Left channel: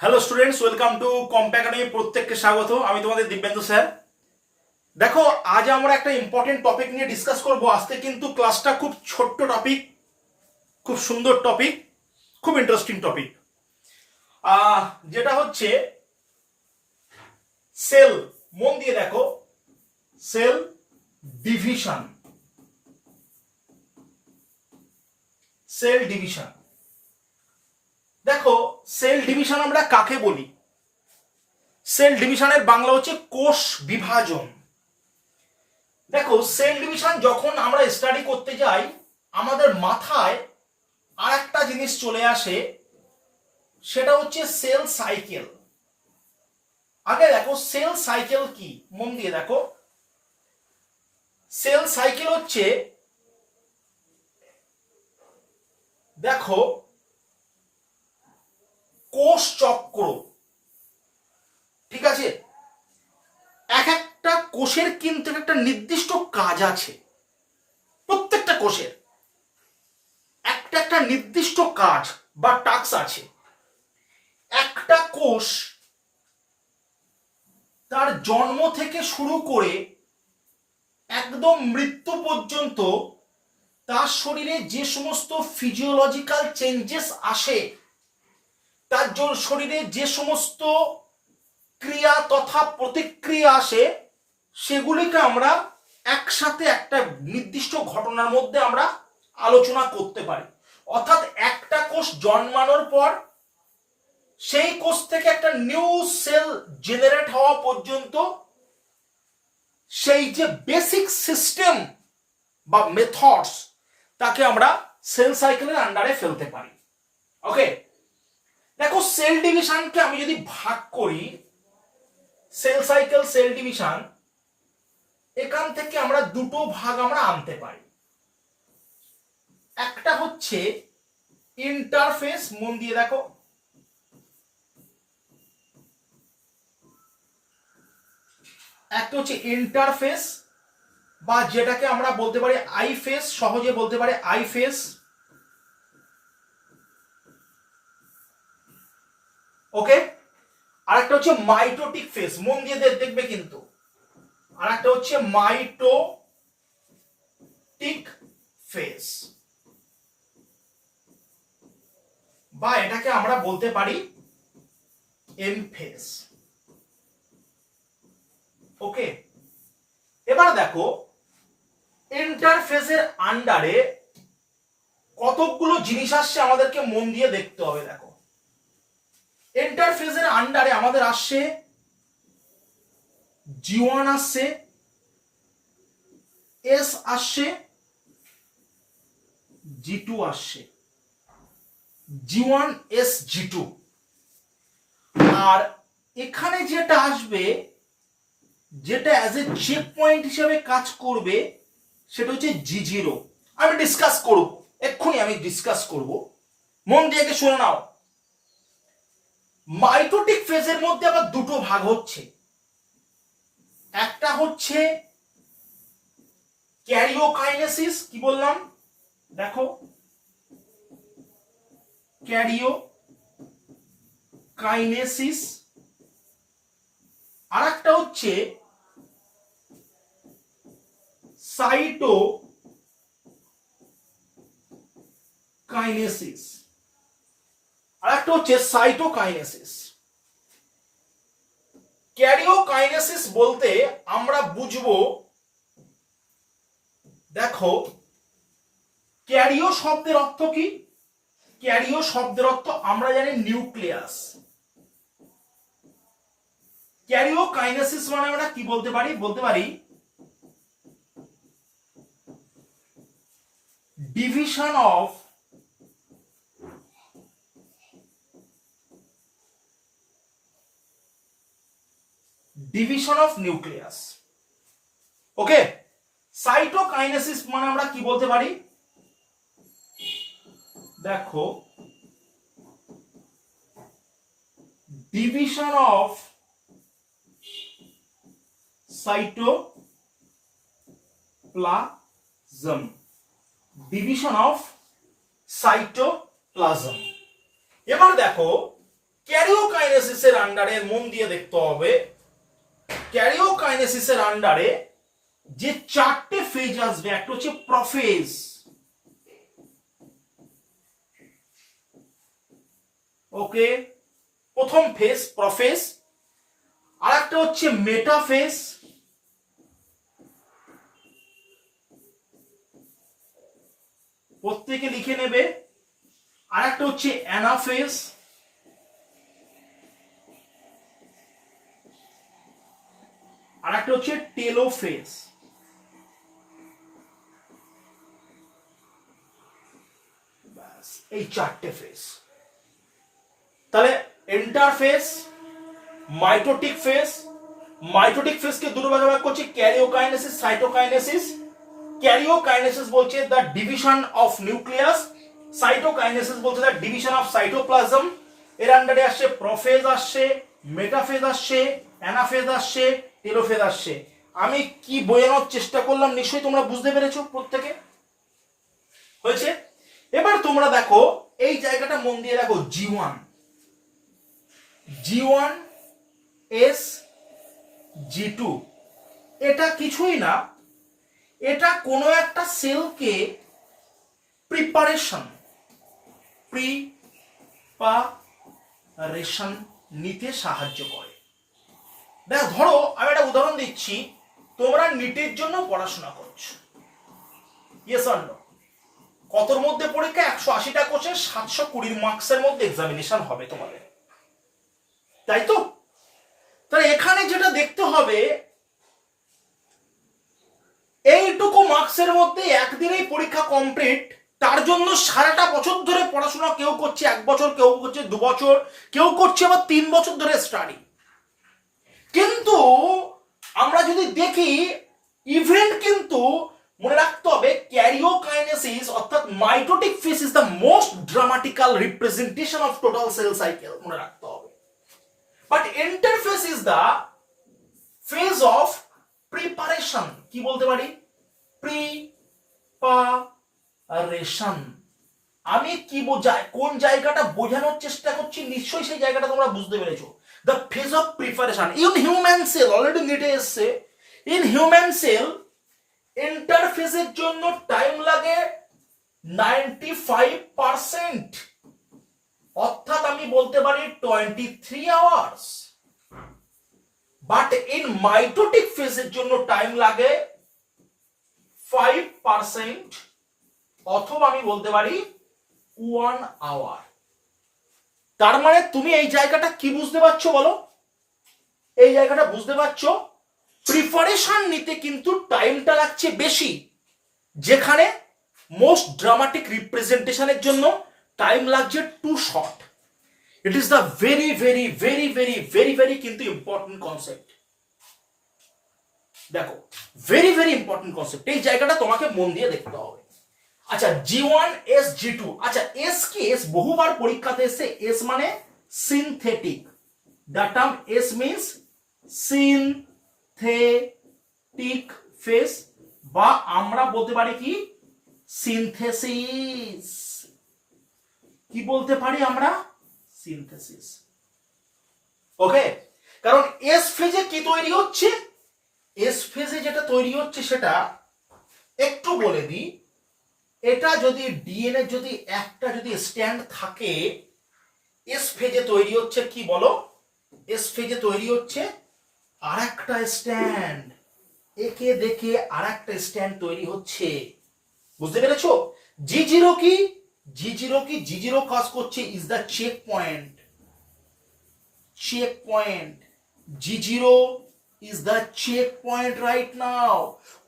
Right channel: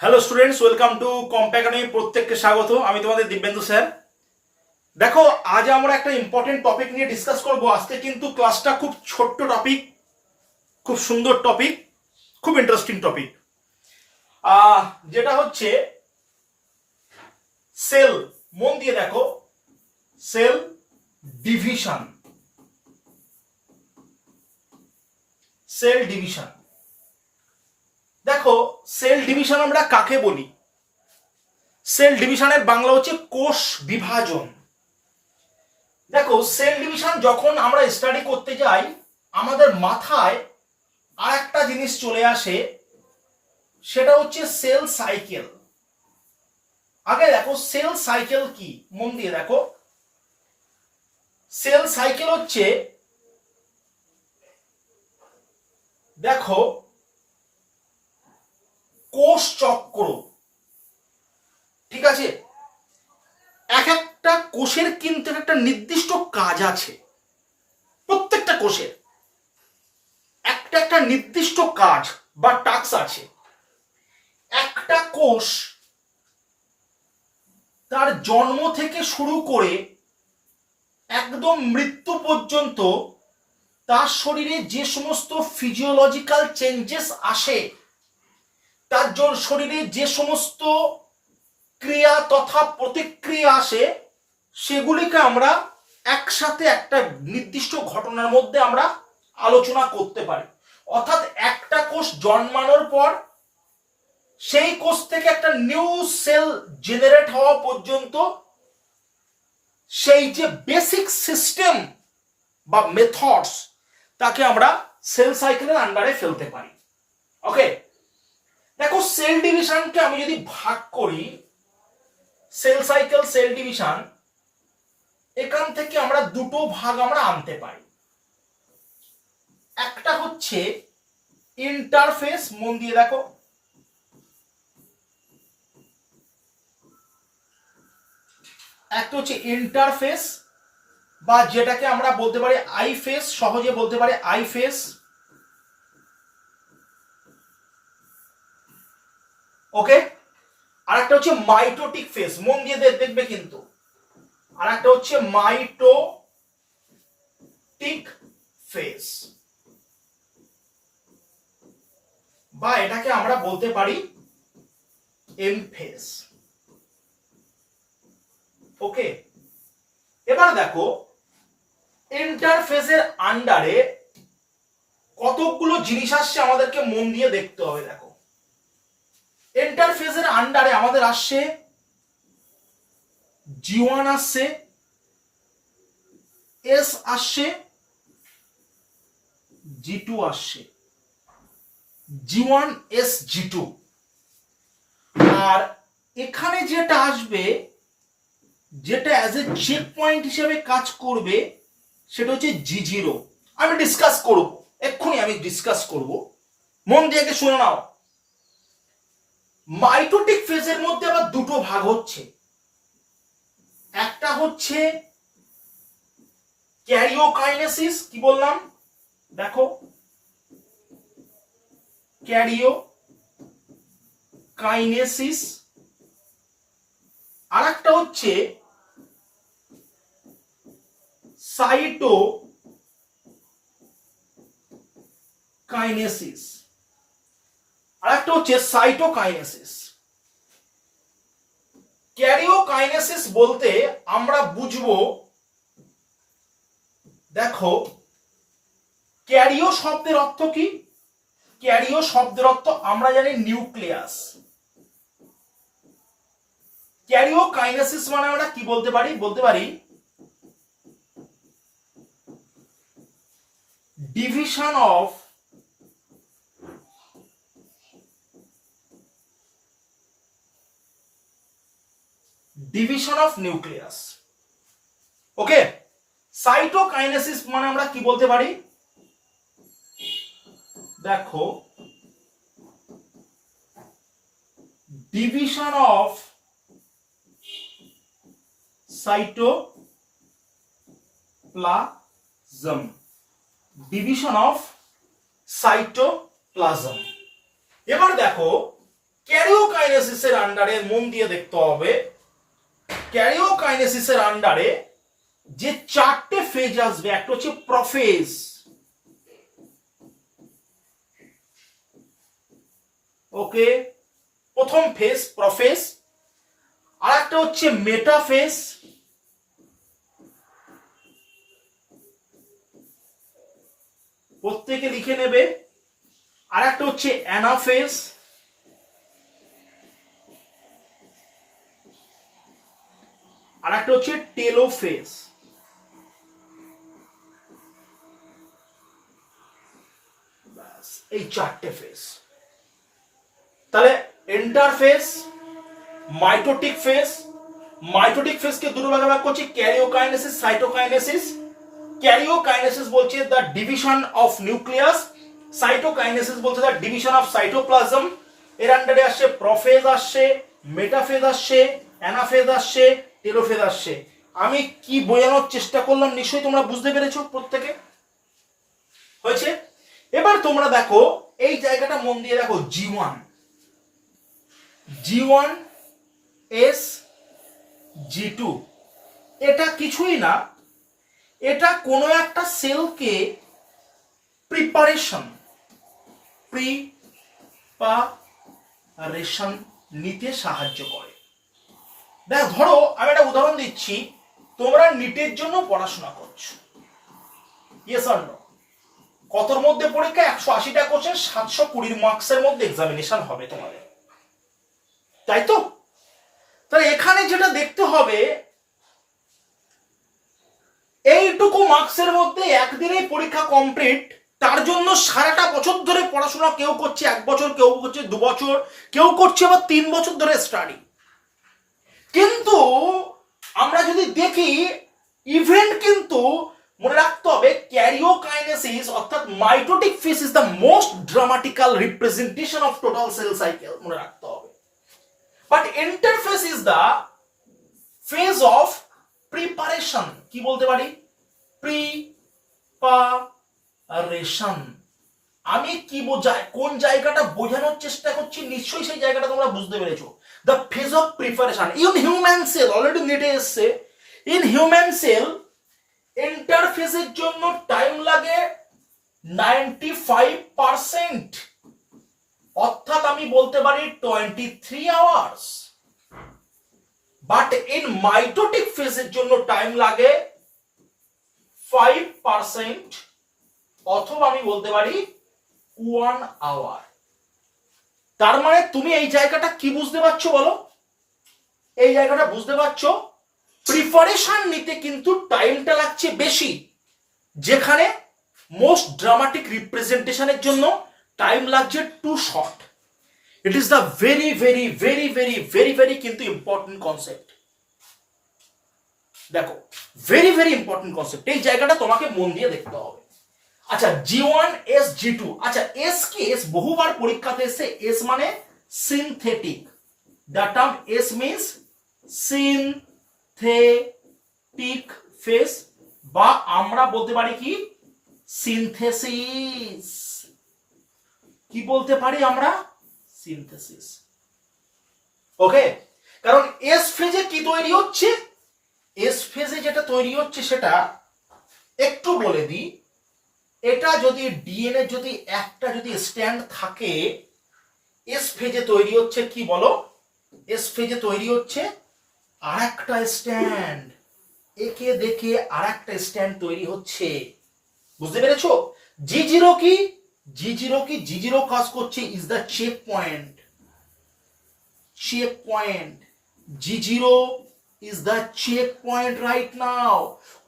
Hello students, welcome to কম্পা academy. প্রত্যেককে স্বাগত। আমি তোমাদের দিব্যেন্দু স্যার। দেখো, আজ আমরা একটা ইম্পর্টেন্ট টপিক নিয়ে ডিসকাস করব। আজকে কিন্তু ক্লাসটা খুব ছোট্ট টপিক, খুব সুন্দর টপিক, খুব ইন্টারেস্টিং টপিক, যেটা হচ্ছে সেল। মন দিয়ে দেখো, সেল ডিভিশন। সেল ডিভিশন, দেখো সেল ডিভিশন আমরা কাকে বলি? সেল ডিভিশনের বাংলা হচ্ছে কোষ বিভাজন। দেখো, সেল ডিভিশন যখন আমরা স্টাডি করতে যাই, আমাদের মাথায় আর একটা জিনিস চলে আসে, সেটা হচ্ছে সেল সাইকেল। আগে দেখো সেল সাইকেল কি, মন দিয়ে দেখো। সেল সাইকেল হচ্ছে, দেখো, কোষ চক্র। ঠিক আছে, এক একটা কোষের কিন্তু একটা নির্দিষ্ট কাজ আছে। প্রত্যেকটা কোষের একটা একটা নির্দিষ্ট কাজ বা টাস্ক আছে। একটা কোষ তার জন্ম থেকে শুরু করে একদম মৃত্যু পর্যন্ত তার শরীরে যে সমস্ত ফিজিওলজিক্যাল চেঞ্জেস আসে, তার শরীরে যে সমস্ত ক্রিয়া তথা প্রতিক্রিয়া আসে, সেগুলিকে আমরা একসাথে একটা নির্দিষ্ট ঘটনার মধ্যে আমরা আলোচনা করতে পারি। অর্থাৎ একটা কোষ জন্মানোর পর সেই কোষ থেকে একটা নিউ সেল জেনারেট হওয়া পর্যন্ত সেই যে বেসিক সিস্টেম বা মেথডস, তাকে আমরা সেল সাইকেলের আন্ডারে ফেলতে পারি। ওকে, দেখো সেল ডিভিশনকে আমি যদি ভাগ করি, সেল সাইকেল, সেল ডিভিশন, এখান থেকে আমরা দুটো ভাগ আমরা আনতে পারি। একটা হচ্ছে ইন্টারফেস, মন দিয়ে দেখো। একটা হচ্ছে ইন্টারফেস, বা যেটাকে আমরা বলতে পারি আই ফেস, সহজে বলতে পারি আই ফেস। ওকে, আর একটা হচ্ছে মাইটোটিক ফেস, মন দিয়ে দেখবে কিন্তু। আর একটা হচ্ছে মাইটোটিক ফেস, বা এটাকে আমরা বলতে পারি এম ফেস। ওকে, এবার দেখো ইন্টারফেসের আন্ডারে কতগুলো জিনিস আসছে, আমাদেরকে মন দিয়ে দেখতে হবে। দেখো, ইন্টারফেসের আন্ডারে আমাদের আসছে G1 আসছে, S আসছে, G2 আসছে, G1 S G2। আর এখানে যেটা আসবে, যেটা অ্যাজ এ চেক পয়েন্ট হিসেবে কাজ করবে, সেটা হচ্ছে G0। আমি ডিসকাস করব, এক্ষুনি আমি ডিসকাস করব, মন দিয়ে শুনে নাও। মাইটোটিক ফেজের মধ্যে আবার দুটো ভাগ হচ্ছে। একটা হচ্ছে ক্যারিওকাইনেসিস, কি বললাম দেখো, ক্যারিওকাইনেসিস। আর একটা হচ্ছে সাইটোকাইনেসিস, আর একটা হচ্ছে সাইটোকাইনেসিস। ক্যারিওকাইনেসিস বলতে আমরা বুঝবো, দেখো ক্যারিও শব্দের অর্থ কি? ক্যারিও শব্দের অর্থ আমরা জানি নিউক্লিয়াস। ক্যারিওকাইনেসিস মানে আমরা কি বলতে পারি? বলতে পারি division of nucleus. Okay, cytokinesis মানে আমরা কি বলতে পারি? দেখো, division of cytoplasm, division of cytoplasm. এবার দেখো ক্যারিওকাইনেসিসের আন্ডারে মন দিয়ে দেখতে হবে, ক্যারিওকাইনেসিসের আন্ডারে যে চারটে ফেজ আসবে, একটা হচ্ছে প্রফেজ, ওকে, প্রথম ফেজ প্রফেজ, আর একটা হচ্ছে মেটাফেজ, প্রত্যেকে লিখে নেবে, আর একটা হচ্ছে অ্যানাফেজ, আর একটা হচ্ছে টেলোফেজ। ব্যাস, এই চারটে ফেজ। তাহলে ইন্টারফেজ, মাইটোটিক ফেজ, মাইটোটিক ফেজকে দুটো ভাগে ভাগ করছি, ক্যারিওকাইনেসিস, সাইটোকাইনেসিস। ক্যারিওকাইনেসিস বলছে the division of nucleus, cytokinesis বলছে দ্য ডিভিশন অফ সাইটোপ্লাজম। এর আন্ডারে আসছে প্রফেজ, আসছে মেটাফেজ, আসছে অ্যানাফেজ, আসছে টেলোফেজ আসছে। আমি কি বোঝানোর চেষ্টা করলাম নিশ্চয়ই তোমরা বুঝতে পেরেছো প্রত্যেকে, হয়েছে? এবার তোমরা দেখো এই জায়গাটা মন দিয়ে দেখো, G1, G1 S G2, এটা কিছুই না, এটা কোনো একটা সেলকে প্রিপারেশন নিতে সাহায্য করে। দেখ ধরো আমি একটা উদাহরণ দিচ্ছি, তোমরা নিটের জন্য পড়াশোনা করছো, ইয়েস অর নো? কতর মধ্যে পরীক্ষা? 180টা কোশ্চেন, 720 মার্কসের মধ্যে এক্সামিনেশন হবে তোমাদের, তাই তো? তাহলে এখানে যেটা দেখতে হবে, এইটুকু মার্কসের মধ্যে একদিনেই পরীক্ষা কমপ্লিট, তার জন্য সারাটা বছর ধরে পড়াশোনা কেউ করছে, 1 বছর, কেউ করছে 2 বছর, কেউ করছে আবার 3 বছর ধরে স্টাডি। কিন্তু আমরা যদি দেখি ইভেন্ট, কিন্তু মনে রাখতে হবে ক্যারিওকাইনেসিস অর্থাৎ mitotic phase is the most dramatical representation of total cell cycle, মনে রাখতে হবে। But interphase is the phase of preparation, কি বলতে পারি? প্রিপারেশন। আমি কি বোঝাই, কোন জায়গাটা বোঝানোর চেষ্টা করছি, নিশ্চয়ই সেই জায়গাটা তোমরা বুঝতে পেরেছো। The phase of preparation in human sell, already নেটে এসছে, ইন হিউম্যান সেল ইন্টারফেজের জন্য টাইম লাগে 95%, অর্থাৎ আমি বলতে পারি 23 আওয়ার্স। বাট ইন মাইটোটিক ফেজের জন্য টাইম লাগে 5%, অথবা আমি বলতে পারি 1 আওয়ার। তার মানে তুমি এই জায়গাটা কি বুঝতে পারছো বলো? এই জায়গাটা বুঝতে পারছো, প্রিপারেশন নিতে কিন্তু টাইমটা লাগছে বেশি, যেখানে মোস্ট ড্রামাটিক রিপ্রেজেন্টেশনের জন্য টাইম লাগছে too short. It is the very very very very very very কিন্তু ইম্পর্টেন্ট কনসেপ্ট। দেখো ভেরি ভেরি ইম্পর্টেন্ট কনসেপ্ট, এই জায়গাটা তোমাকে মন দিয়ে দেখতে হবে। আচ্ছা G1 S G2, আচ্ছা এস কি? এস বহুবার পরীক্ষাতে এসে, এস মানে synthetic, the term S means synthetic phase, বা আমরা বলতে পারি কি সিনথেসিস। কি বলতে পারি আমরা? সিনথেসিস। ওকে, কারণ এস ফেজে কি তৈরি হচ্ছে, এস ফেজে যেটা তৈরি হচ্ছে সেটা একটু বলে দিই। এটা যদি ডিএনএ যদি একটা যদি স্ট্যান্ড থাকে, এস ফেজে তৈরি হচ্ছে কি বলো? এস ফেজে তৈরি হচ্ছে আর একটা স্ট্যান্ড, একে দেখে আর একটা স্ট্যান্ড তৈরি হচ্ছে, বুঝতে পেরেছো? G0 কি? G0 কি? G0 কাজ করছে is the check point, checkpoint. G0 is the checkpoint right now.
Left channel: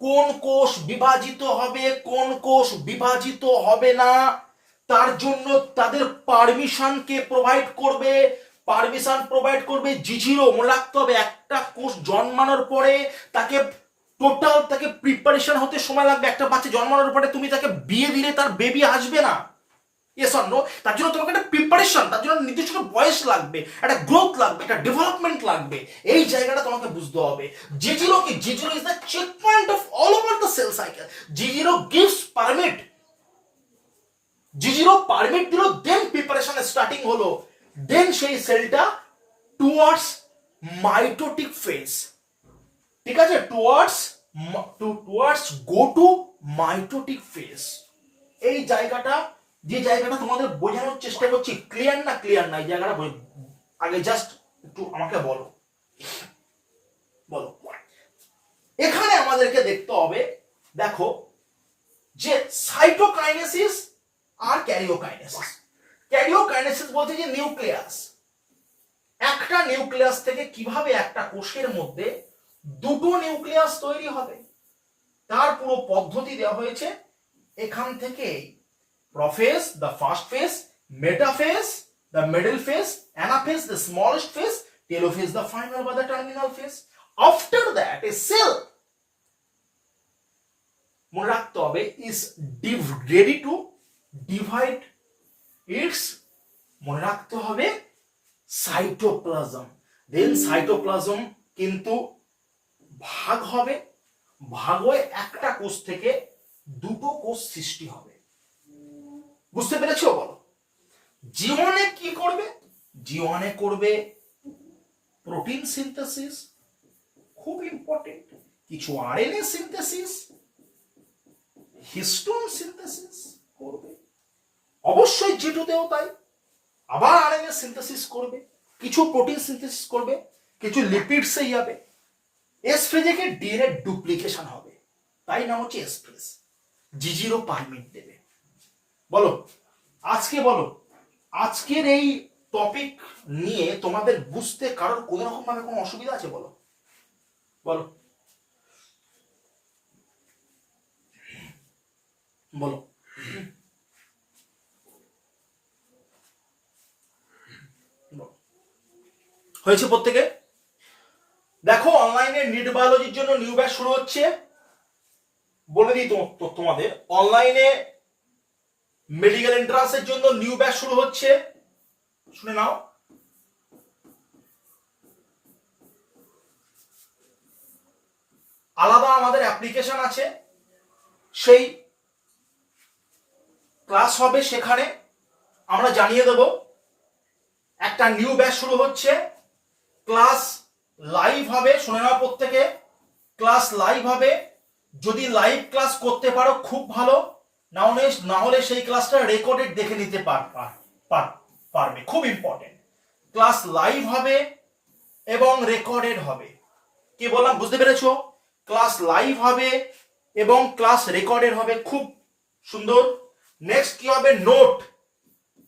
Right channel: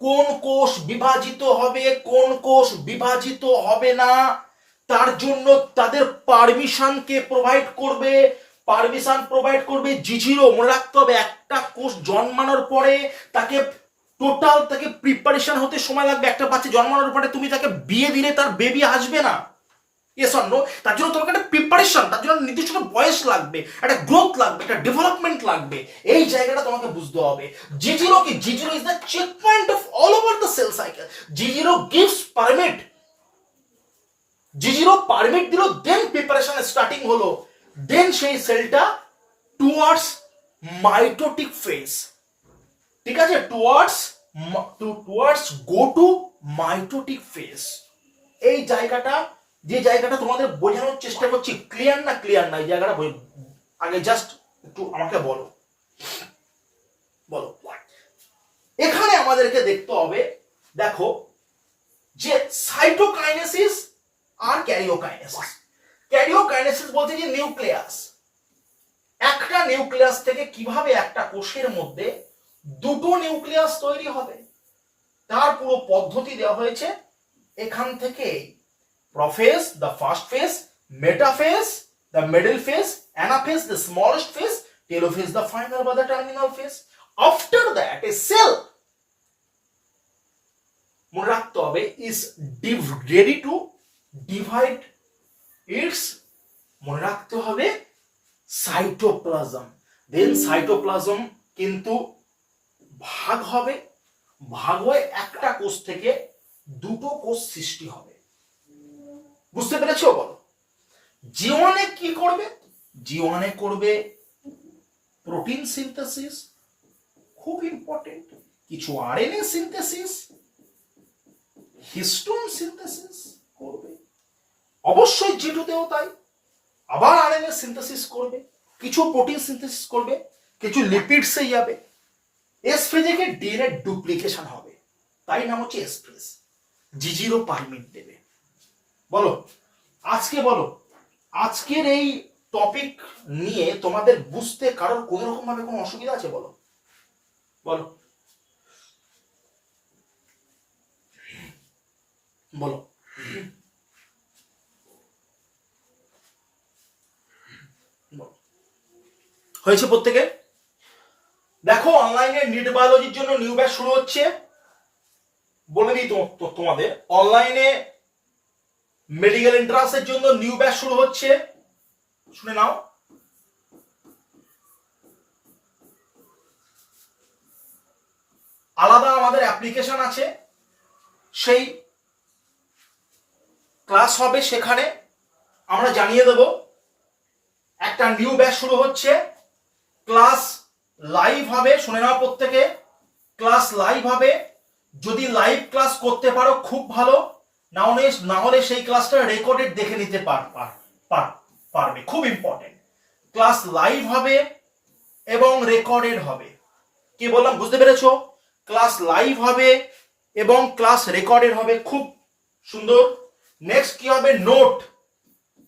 কোন কোষ বিভাজিত হবে, কোন কোষ বিভাজিত হবে না, তার জন্য তাদের পারমিশনকে প্রোভাইড করবে, পারমিশন প্রোভাইড করবে G0। মনে রাখতে হবে একটা কোষ জন্মানোর পরে তাকে টোটাল তাকে প্রিপারেশন হতে সময় লাগবে। একটা বাচ্চা জন্মানোর পরে তুমি তাকে বিয়ে দিলে তার বেবি আসবে না, ইয়েস অর নো? তার জন্য তোমাকে একটা প্রিপারেশন, তার জন্য নির্দিষ্ট বয়স লাগবে, একটা গ্রোথ লাগবে, একটা ডেভেলপমেন্ট লাগবে। এই জায়গাটা তোমাকে বুঝতে হবে। G0 কি? G0 is the check point of all over the cell cycle. G0 gives permit, G0 permit দিল, দেন প্রিপারেশন স্টার্টিং হলো। দেন সেই সেলটা টুয়ার্ডস মাইটোটিক ফেজ, ঠিক আছে, towards go to mitotic phase. এই জায়গাটা, যে জায়গাটা তোমাদের বোঝানোর চেষ্টা করছি, ক্লিয়ার না ক্লিয়ার না এই জায়গাটা আগে জাস্ট একটু আমাকে বলো। এখানে আমাদেরকে দেখতে হবে, দেখো যে সাইটোকাইনেসিস আর ক্যারিওকাইনেসিস। ক্যারিওকাইনেসিস বলতে যে নিউক্লিয়াস, একটা নিউক্লিয়াস থেকে কিভাবে একটা কোষের মধ্যে দুটো নিউক্লিয়াস তৈরি হবে তার পুরো পদ্ধতি দেওয়া হয়েছে এখান থেকে। Prophase, the first phase; metaphase, the middle phase; anaphase, the smallest phase; telophase, the final বা the terminal phase. After that, a cell, মনে রাখতে হবে, is ready to divide its, মনে রাখতে হবে, সাইটোপ্লাজম। দেন সাইটোপ্লাজম কিন্তু ভাগ হবে, ভাগ হয়ে একটা কোষ থেকে দুটো কোষ সৃষ্টি হবে। বুঝতে পেরেছো? বলো। জি1 এ কি করবে? জি1 এ করবে প্রোটিন সিনথেসিস, খুব ইম্পর্টেন্ট, কিছু আরএনএ সিনথেসিস, হিস্টোন সিনথেসিস করবে, অবশ্যই জি2তেও তাই, আবার আরএনএ সিনথেসিস করবে, কিছু প্রোটিন সিনথেসিস করবে, কিছু লিপিডসে যাবে। এস ফেজে গিয়ে ডিএনএ ডুপ্লিকেশন হবে, তাই নাম হচ্ছে এস ফেজ। জি0 পারমিট দেবে। বলো আজকে, বলো আজকের এই টপিক নিয়ে তোমাদের বুঝতে কারোর কোন রকম ভাবে কোনো অসুবিধা আছে? বলো বলো বলো। হয়েছে প্রত্যেকে? দেখো অনলাইনে নিট বায়োলজির জন্য নিউ ব্যাচ শুরু হচ্ছে। বলে দিই তো তোমাদের, অনলাইনে মেডিকেল এন্ট্রান্সের জন্য নিউ ব্যাচ শুরু হচ্ছে, শুনে নাও। আলাদা আমাদের অ্যাপ্লিকেশন আছে, সেই ক্লাস হবে, সেখানে আমরা জানিয়ে দেব একটা নিউ ব্যাচ শুরু হচ্ছে। ক্লাস লাইভ হবে, শুনে নাও প্রত্যেকে, ক্লাস লাইভ হবে। যদি লাইভ ক্লাস করতে পারো খুব ভালো, না হলে সেই ক্লাসটা রেকর্ডেড দেখে নিতে পারবে, খুব ইম্পর্টেন্ট। ক্লাস লাইভ হবে এবং রেকর্ডেড হবে। কি বললাম বুঝতে পেরেছো? ক্লাস লাইভ হবে এবং ক্লাস রেকর্ডেড হবে, খুব সুন্দর। নেক্সট কি হবে? নোট।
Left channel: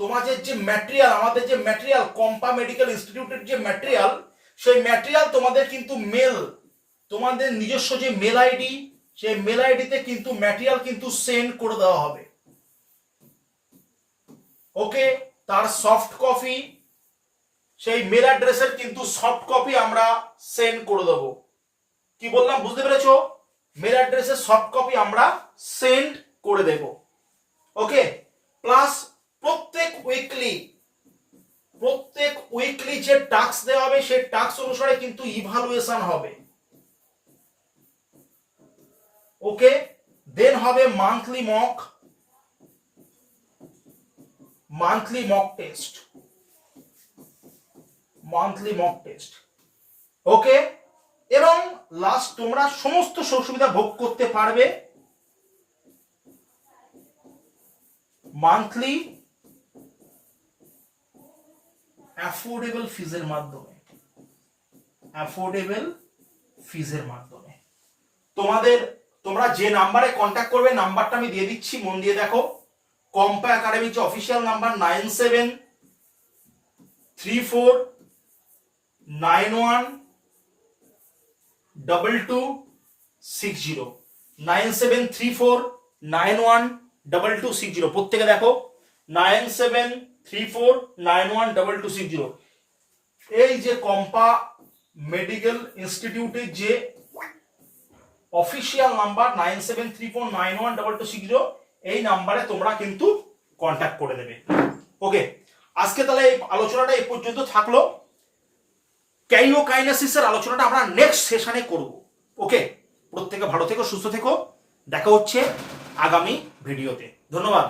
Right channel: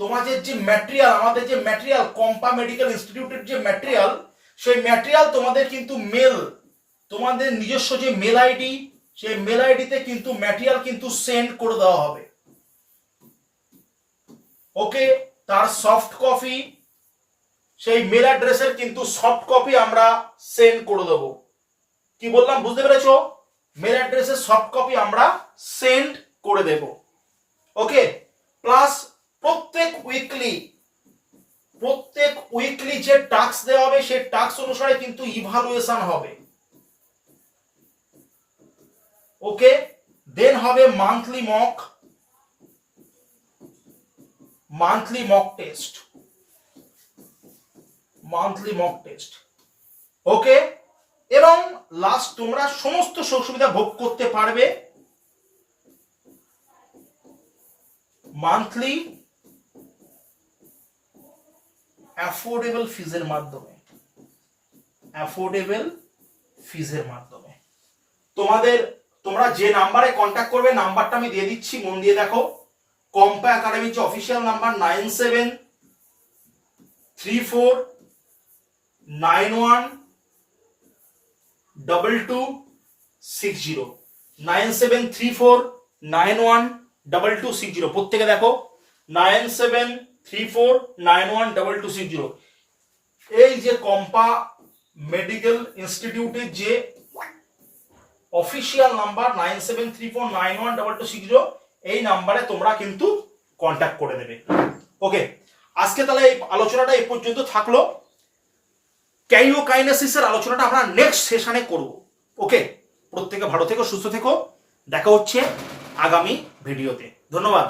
তোমাদের যে ম্যাটেরিয়াল, আমাদের যে ম্যাটেরিয়াল, কম্পা মেডিকেল ইনস্টিটিউটের যে ম্যাটেরিয়াল, সেই ম্যাটেরিয়াল তোমাদের কিন্তু মেল, তোমাদের নিজস্ব যে মেল আইডি, সেই মেল আইডিতে কিন্তু ম্যাটেরিয়াল কিন্তু সেন্ড করে দেওয়া হবে। ওকে, তার সফট কপি, সেই মেল অ্যাড্রেসের কিন্তু সফট কপি আমরা সেন্ড করে দেব। কি বললাম বুঝতে পেরেছো? মেল অ্যাড্রেসের সফট কপি আমরা সেন্ড করে দেব। ওকে, প্লাস প্রত্যেক উইকলি যে টাস্ক দেওয়া হবে, সেই টাস্ক অনুসারে কিন্তু ইভালুয়েশন হবে। ওকে, দেন হবে মান্থলি মক টেস্ট। ওকে, এবং লাস্ট তোমরা সমস্ত সুবিধা ভোগ করতে পারবে মান্থলি অ্যাফোর্ডেবল ফিজের মাধ্যমে। তোমরা যে নাম্বারে কন্ট্যাক্ট করবে, নাম্বারটা আমি দিয়ে দিচ্ছি, মন দিয়ে দেখো। কম্পা একাডেমির যে অফিসিয়াল নাম্বার 9734912260, 9734912260। প্রত্যেকে দেখো 9734912260। এই যে কম্পা মেডিকেল ইনস্টিটিউটের যে অফিসিয়াল নাম্বার 9734912260, এই নাম্বারে তোমরা কিন্তু কন্ট্যাক্ট করে দেবে। ওকে, আজকে তাহলে এই আলোচনাটা এই পর্যন্ত থাকলো। ক্যারিওকাইনেসিসের আলোচনাটা আমরা নেক্সট সেশনে করব। ওকে, প্রত্যেকে ভালো থেকো, সুস্থ থেকো, দেখা হচ্ছে আগামী ভিডিওতে। ধন্যবাদ।